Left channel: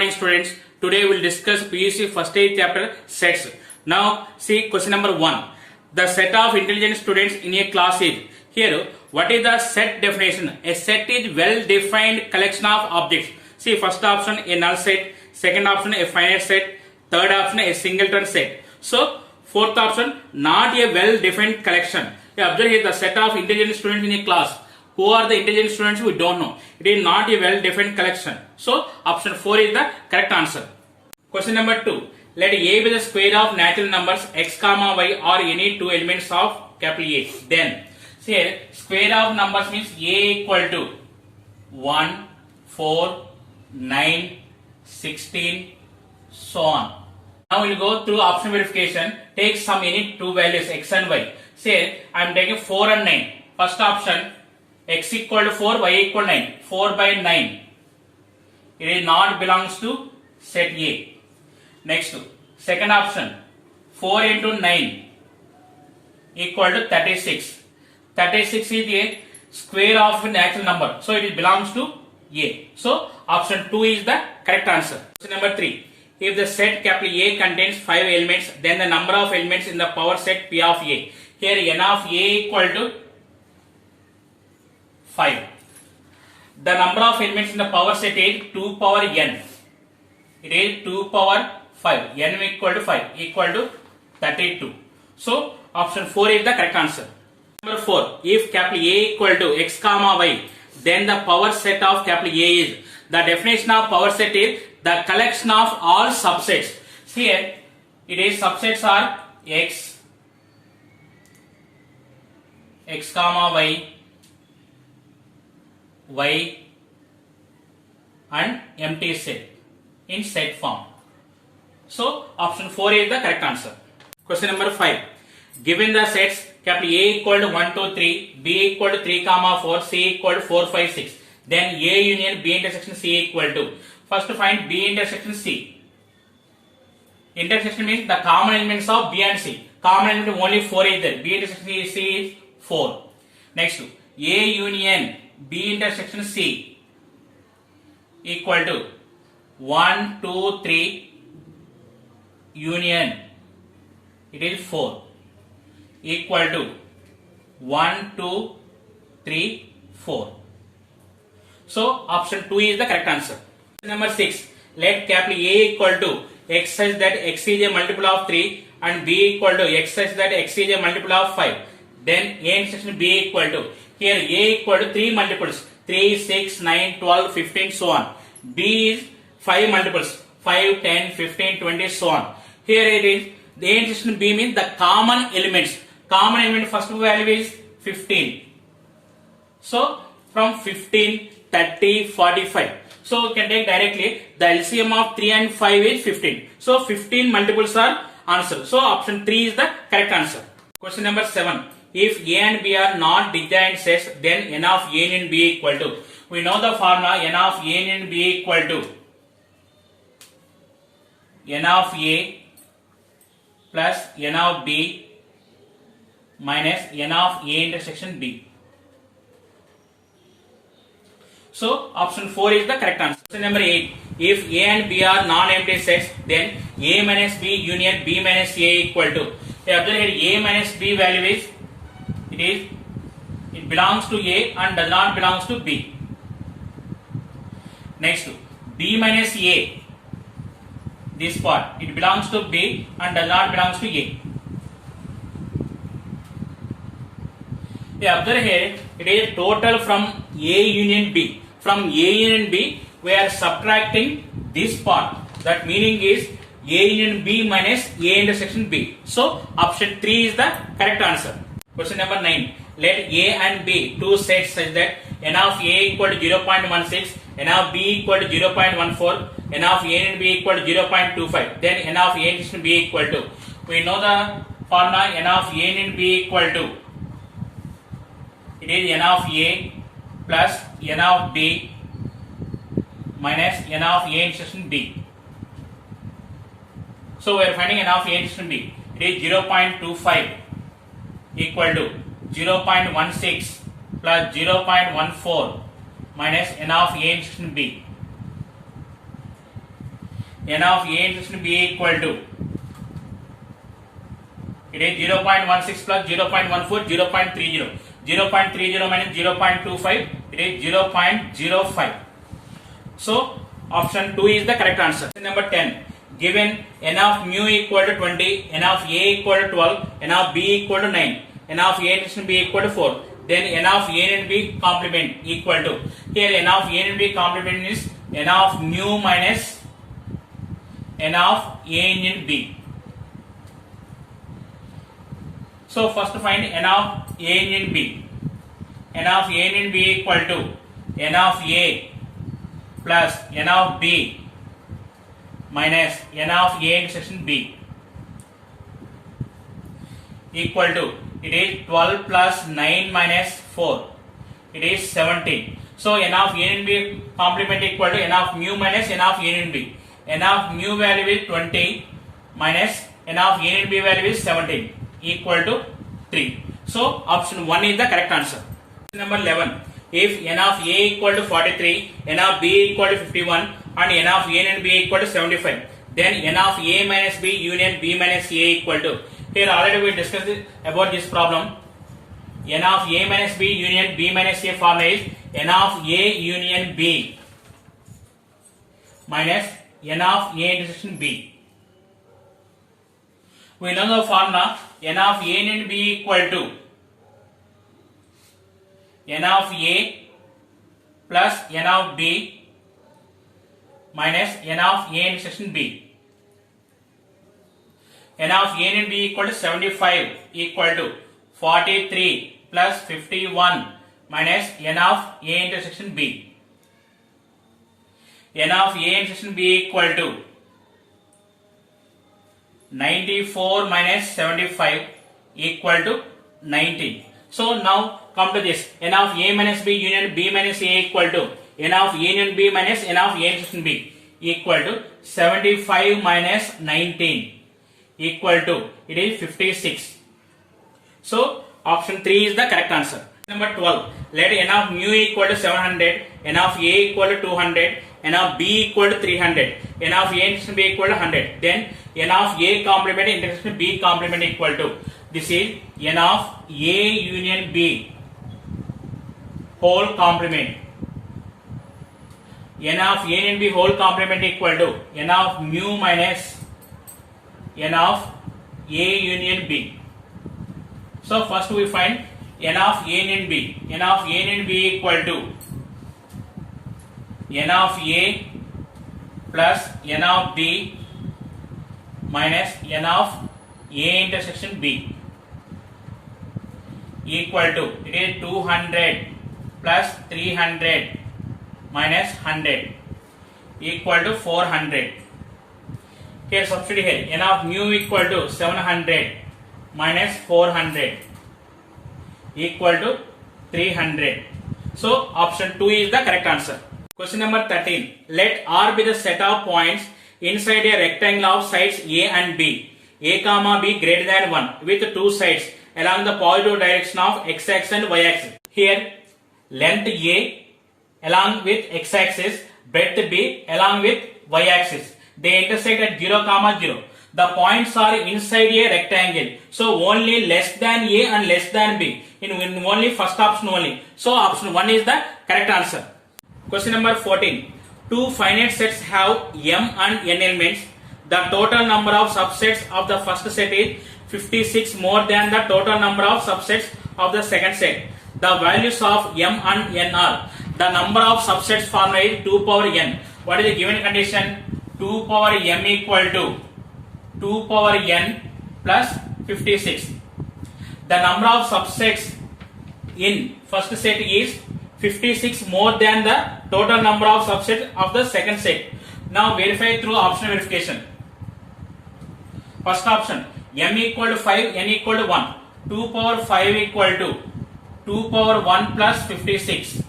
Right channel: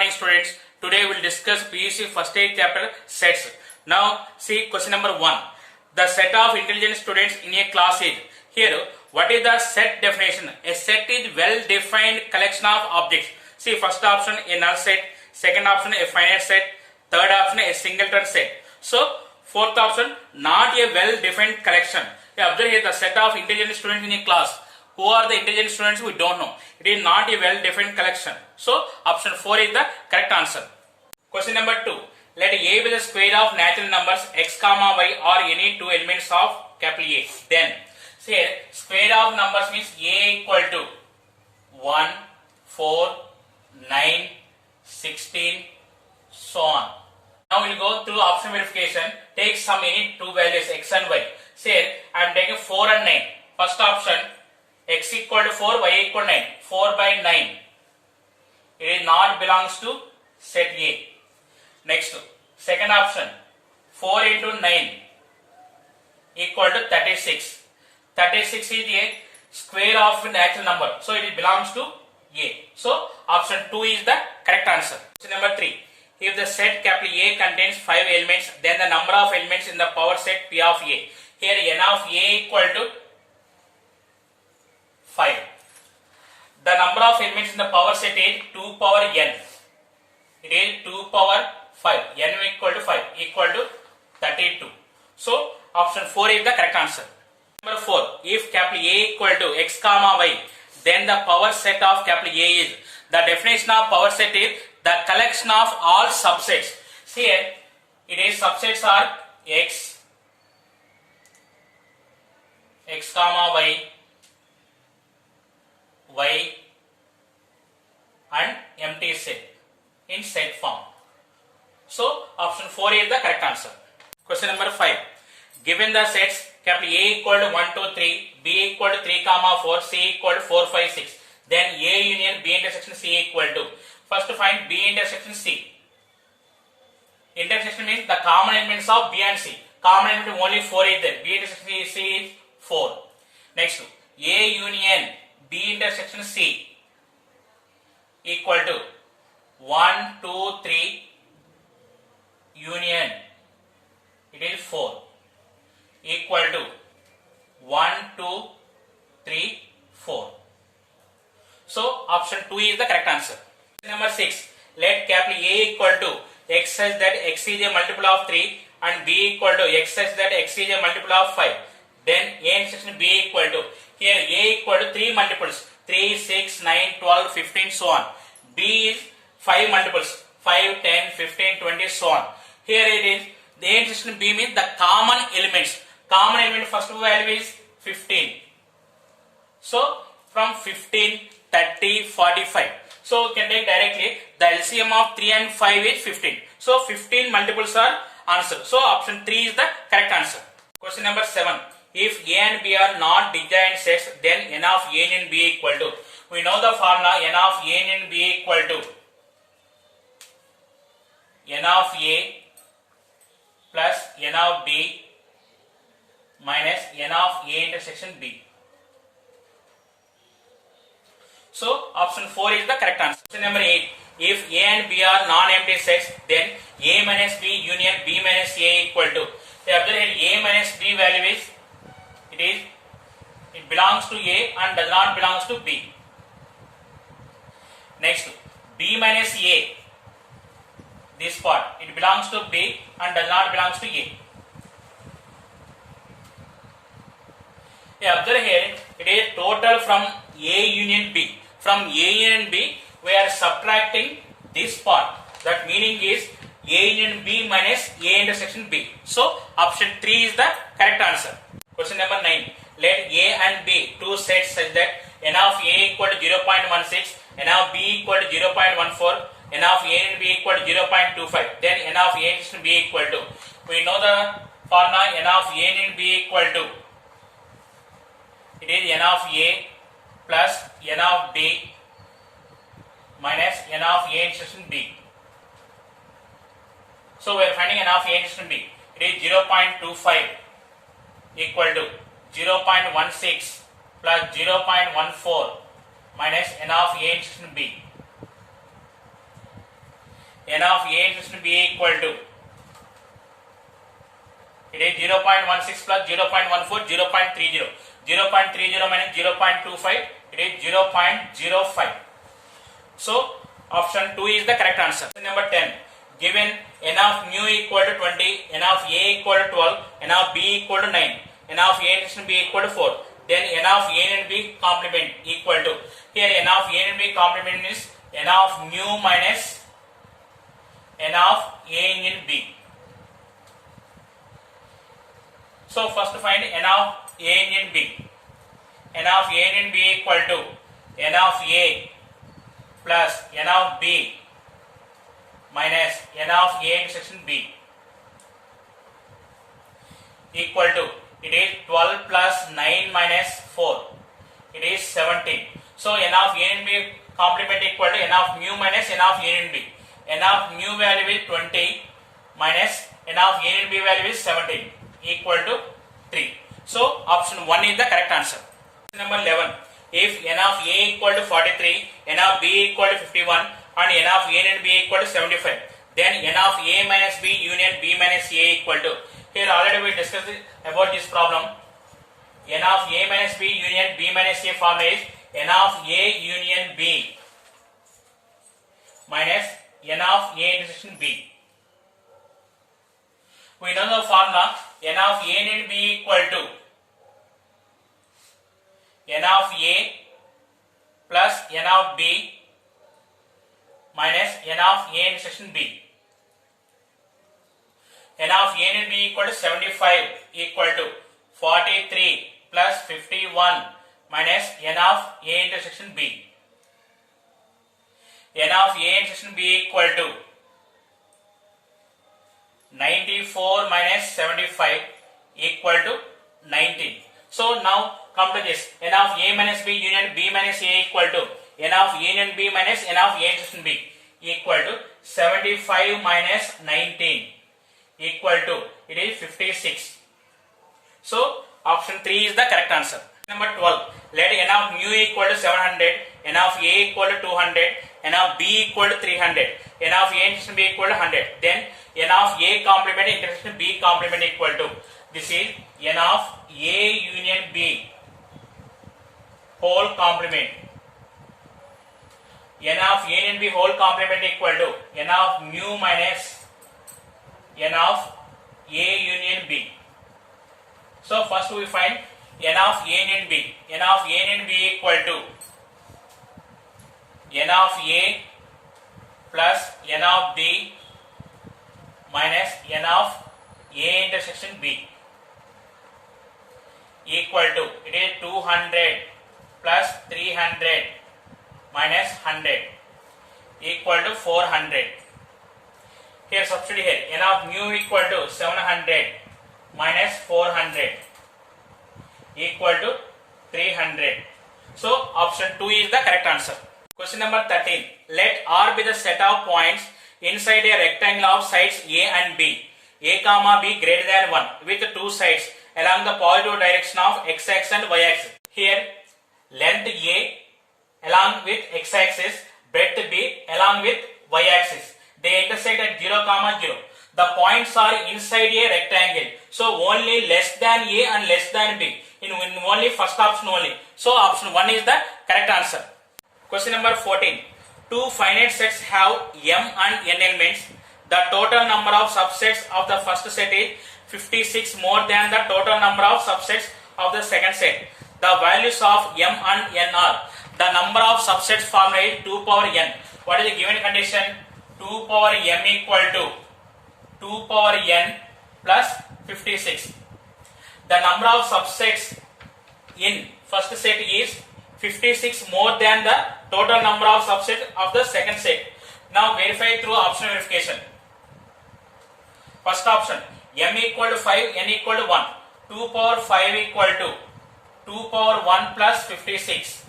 morning students. Today we will discuss PUC first aid chapter sets. Now see question number 1. The set of intelligent students in a class is. Here what is the set definition? A set is well defined collection of objects. See first option a null set, second option a finite set, third option a singleton set. So fourth option not a well defined collection. Observe here the set of intelligent students in a class. Who are the intelligent students? We don't know. It is not a well-defined collection. So, option 4 is the correct answer. Question number 2. Let A be the square of natural numbers x comma y or any two elements of capital A. Then, see here, square of numbers means A equal to 1, 4, 9, 16, so on. Now we will go through option verification. Take some any two values x and y. Say, I am taking 4 and 9. First option, x equal to 4, y equal to 9. 4 by 9. It is not belongs to set A. Next, second option, 4 into 9 equal to 36. 36 is a square of a natural number. So, it belongs to A. So, option 2 is the correct answer. Question number 3. If the set capital A contains 5 elements, then the number of elements in the power set P of A. Here, n of A equal to 5. The number of elements in the power set is 2 power n. It is 2 power 5. N equal to 5 equal to 32. So, option 4 is the correct answer. Number 4. If capital A equal to x comma y, then the power set of capital A is. The definition of power set is the collection of all subsets. See here, it is subsets are x comma y, y and empty set in set form. So option 4 is the correct answer. Question number 5. Given the sets capital A equal to 1, 2, 3, B equal to 3, 4, C equal to 4, 5, 6. Then A union B intersection C equal to. First find B intersection C. Intersection means the common elements of B and C. Common element only 4 is there. B intersection C is 4. Next, A union B intersection C equal to 1, 2, 3 union. It is 4 equal to 1, 2, 3, 4. So, option 2 is the correct answer. Number 6. Let capital A equal to x such that x is a multiple of 3 and B equal to x such that x is a multiple of 5. Then A intersection B equal to. Here A equal to 3 multiples. 3, 6, 9, 12, 15, so on. B is 5 multiples. 5, 10, 15, 20, so on. Here it is. The A intersection B means the common elements. Common element first value is 15. So, from 15, 30, 45. So, we can take directly the LCM of 3 and 5 is 15. So, 15 multiples are answered. So, option 3 is the correct answer. Question number 7. If A and B are not disjoint sets, then n of A union B equal to. We know the formula n of A union B equal to n of A plus n of B minus n of A intersection B. So, option 4 is the correct answer. Question number 8. If A and B are non-empty sets, then A minus B union B minus A equal to. Observe here A minus B value is, it belongs to A and does not belongs to B. Next, B minus A, this part, it belongs to B and does not belongs to A. Observe here, it is total from A union B. From A union B, we are subtracting this part. That meaning is A union B minus A intersection B. So, option 3 is the correct answer. Question number 9. Let A and B two sets such that n of A equal to 0.16, n of B equal to 0.14, n of A and B equal to 0.25. Then n of A intersection B equal to. We know the formula n of A and B equal to. It is n of A plus n of B minus n of A intersection B. So, we are finding n of A intersection B. It is 0.25 equal to 0.16 plus 0.14 minus n of A intersection B. n of a intersection b equal to, it is 0.16 plus 0.14, 0.30. 0.30 minus 0.25, it is 0.05. So option 2 is the correct answer. Number 10. Given n of mu equal to 20, n of a equal to 12, n of b equal to 9, n of a intersection b equal to 4, then n of a and b complement equal to, here n of a and b complement is n of mu minus n of a and b. So first find n of a and b. N of a and b equal to n of a plus n of b minus n of a intersection b equal to, it is 12 plus 9 minus 4, it is 17. So n of a and b complement equal to n of mu minus n of a and b. N of mu value is 20 minus n of a and b value is 17 equal to 3. So option 1 is the correct answer. Number 11. If n of a equal to 43, n of b equal to 51 and n of a and b equal to 75, then n of a minus b union b minus a equal to, here already we discussed about this problem. N of a minus b union b minus a formula is n of a union b minus n of a intersection b. We know the formula n of a and b equal to n of a plus n of b minus n of a intersection b. N of a and b equal to 75 equal to 43 plus 51 minus n of a intersection b. N of a intersection b equal to 94 minus 75 equal to 19. So now come to this, n of a minus b union b minus a equal to n of a union b minus n of a intersection b equal to 75 minus 19 equal to, it is 56. So option 3 is the correct answer. Number 12. Let n of mu equal to 700, n of a equal to 200, n of b equal to 300, n of a intersection b equal to 100. Then n of a complement intersection b complement equal to, this is n of a union b whole complement. N of a union b whole complement equal to n of mu minus n of a union b. So first we find n of a union b. N of a union b equal to n of a plus n of b minus n of a intersection b equal to, it is 200 plus 300 minus 100 equal to 400. Here substitute here, n of mu equal to 700 minus 400 equal to 300. So option 2 is the correct answer. Question number 13. Let R be the set of points inside a rectangle of sides A and B. A comma B greater than 1 with two sides along the positive direction of x-axis and y-axis. Here length A along with x-axis, breadth B along with y-axis. They intersect at 0, 0. The points are inside a rectangle. So only less than A and less than B. In only first option only. So option 1 is the correct answer. Question number 14. Two finite sets have M and N elements. The total number of subsets of the first set is 56 more than the total number of subsets of the second set. The values of M and N are, the number of subsets formula is 2 power n. What is the given condition? 2 power m equal to 2 power n plus 56. The number of subsets in first set is 56 more than the total number of subsets of the second set. Now verify through optional verification. First option, m equal to 5, n equal to 1. 2 power 5 equal to 2 power 1 plus 56.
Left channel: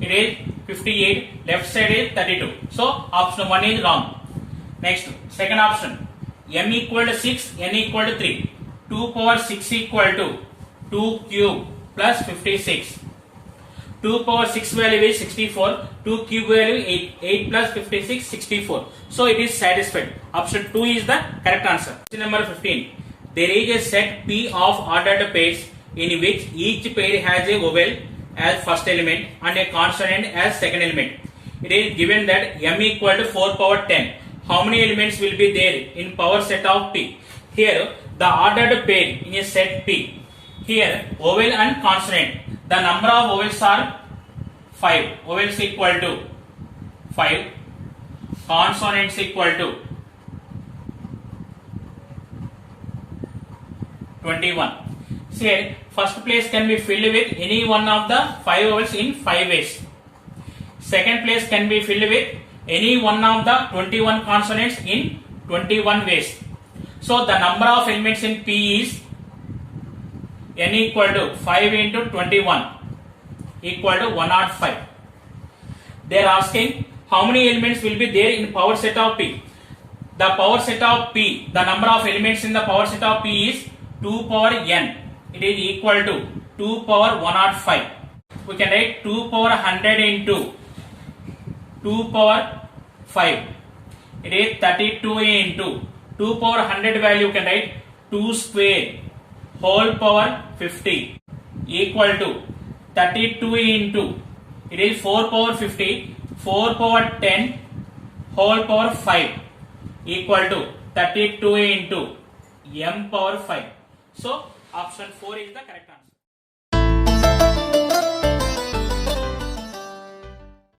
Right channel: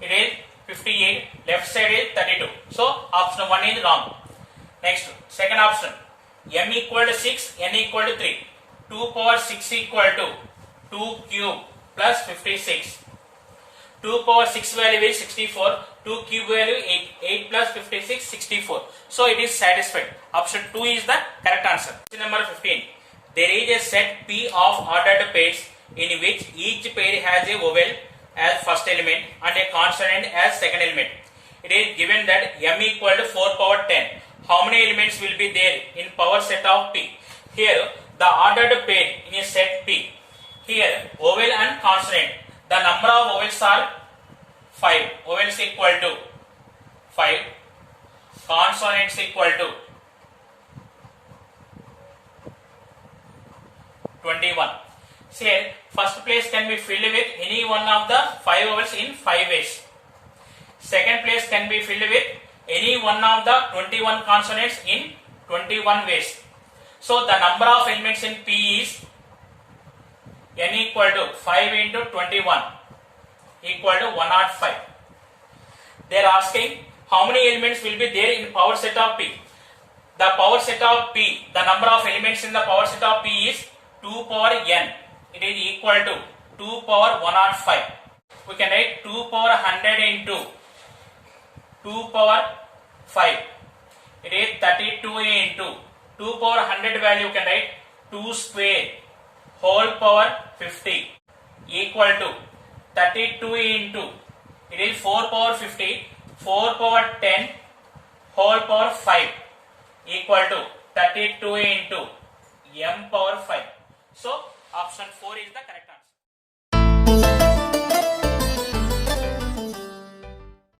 It is 58, left side is 32. So option 1 is wrong. Next, second option, m equal to 6, n equal to 3. 2 power 6 equal to 2 cube plus 56. 2 power 6 value is 64. 2 cube value 8. 8 plus 56, 64. So it is satisfied. Option 2 is the correct answer. Question number 15. There is a set P of ordered pairs in which each pair has a vowel as first element and a consonant as second element. It is given that m equal to 4 power 10. How many elements will be there in power set of P? Here the ordered pair in a set P. Here vowel and consonant. The number of vowels are 5. Vowels equal to 5. Consonants equal to 21. Here first place can be filled with any one of the 5 vowels in 5 ways. Second place can be filled with any one of the 21 consonants in 21 ways. So the number of elements in P is n equal to 5 into 21 equal to 105. They are asking how many elements will be there in power set of P. The power set of P, the number of elements in the power set of P is 2 power n. It is equal to 2 power 105. We can write 2 power 100 into 2 power 5. It is 32 into 2 power 100 value. You can write 2 square whole power 50 equal to 32 into, it is 4 power 50, 4 power 10 whole power 5 equal to 32 into m power 5. So option 4 is the correct answer.